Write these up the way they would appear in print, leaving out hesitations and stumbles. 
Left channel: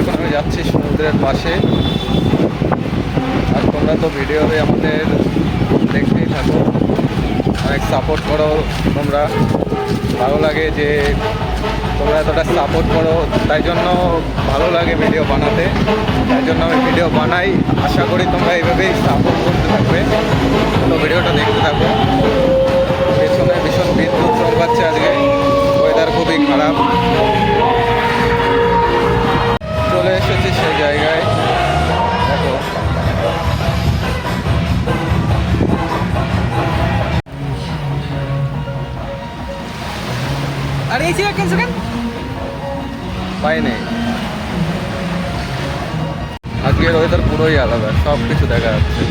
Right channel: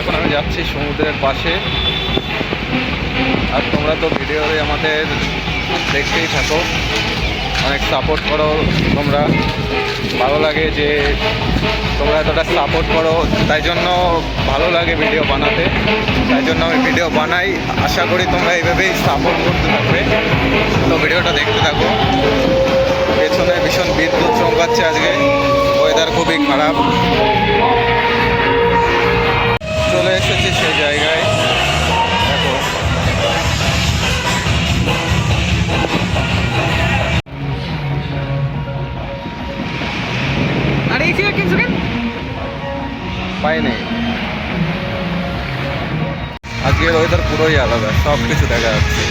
এখন আমি যাচ্ছি সমুদ্রের পাশে। আর তোমরা তো ভিডিওতে আমাদের দেখতেই থাকো, অনেক সাপোর্ট করো তোমরা। ভালো লাগে যে তোমরা এতটা সাপোর্ট করো, তাই জন্য ভালো লাগে ভিডিও বানাতে। তাই জন্য আমি ভিডিও বানাই। আশা করি তোমরা এইভাবেই সাপোর্ট করতে থাকবে। তো ভিডিওটা দেখতে থাকো। পেছনে ভীষণ বিদ্যুৎ চমকাচ্ছে আজকে, ওয়েদার খুবই খারাপ। চলে এসেছি সেই জায়গায়, দেখো। পাই নেই, আজকের ওয়েদার পুরোই আলাদা, সব কিছু দেখা যাচ্ছে।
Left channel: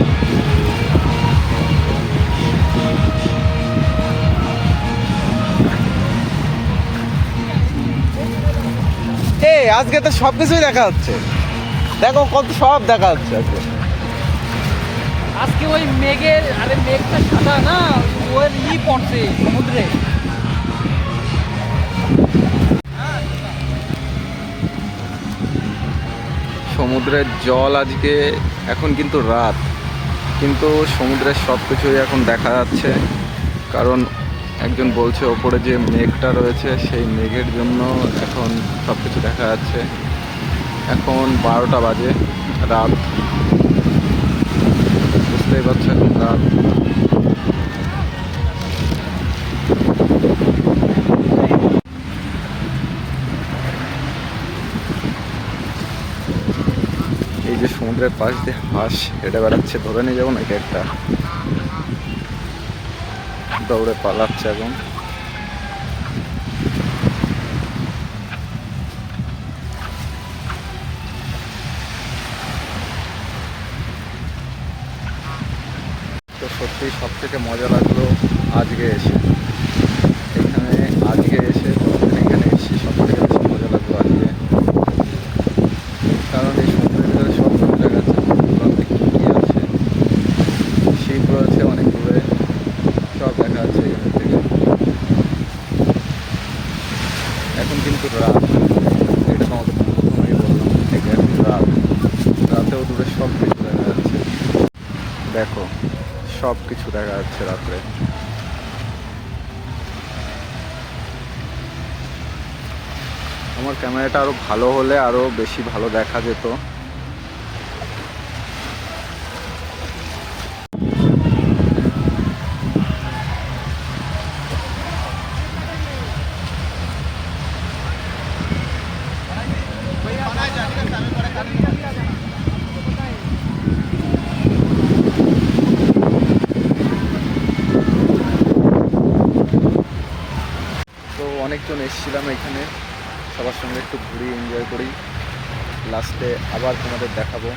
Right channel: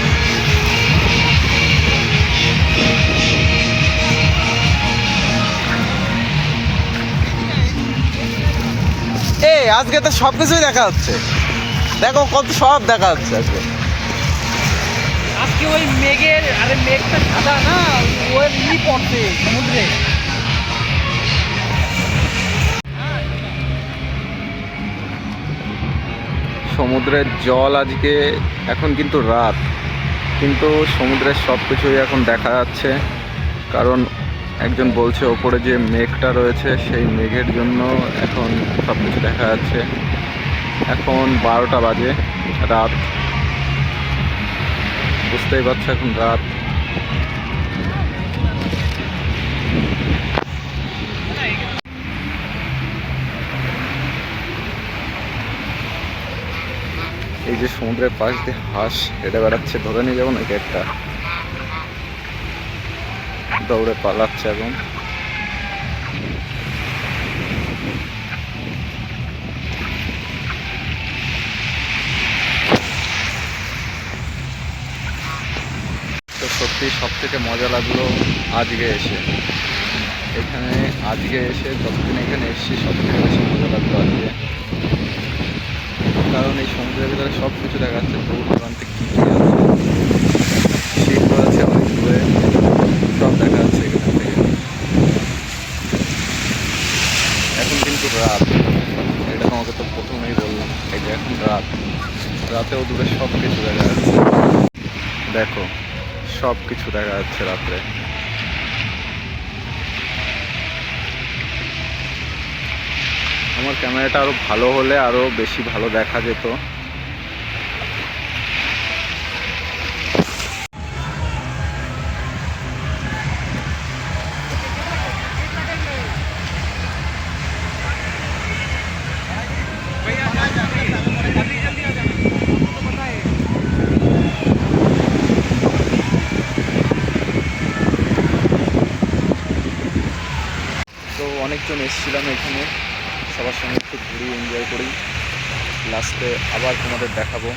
আজকে তো সব কিছুই দেখা যাচ্ছে, দেখো কত সব দেখা যাচ্ছে আজকে। আজকে ওই মেঘটা সাদা না, ওই পড়ছে সমুদ্রে। সমুদ্রের জল আজকে, এখন কিন্তু রাত, কিন্তু সমুদ্রের সব কিছুই এখন দেখা যাচ্ছে। কারণ একজন বলছে ওপরে যে মেঘটা রয়েছে, সেই মেঘের জন্য এখন সব কিছু দেখা যাচ্ছে। এখন 12টা বাজে, রাত, বুঝতেই পারছো এখন রাত। এই যে সমুদ্রের পাশ দিয়ে হাঁস হেঁটে বেড়াচ্ছে, ধরে নিয়ে যাবো নাকি একটা? দৌড়ে পালাচ্ছে এখন। তো সত্যি সব থেকে মজা লাগলো আজকে এসে এখানে। আজকে এসে যতদিন এখানে এসেছি সব থেকে বেশি মজা লাগলো আজকে। কারণ এই সমুদ্রের ভিতরে সব কিছু দেখা যাচ্ছে, দূরান্তে কী কী আছে, শিপ রয়েছে অনেক দূরে, সব দেখা যাচ্ছে এখান থেকে। এখন কিন্তু রাত, এটা তোমাকে তো প্রথমেই বললাম, এই যে এখন রাত, রাতেও দূরে সব কিছু দেখা যাচ্ছে। দেখো সব কিছু দেখা যাচ্ছে রাত্রে। আমার ক্যামেরাটা আরো ভালো হলে আরো বেশি ভালো দেখা যেত। তো অনেকজন এসেছিলাম এখানে, সবার সঙ্গে একটু ঘুরি, এনজয় করি। লাস্টে আবার তোমাদের দেখাবো।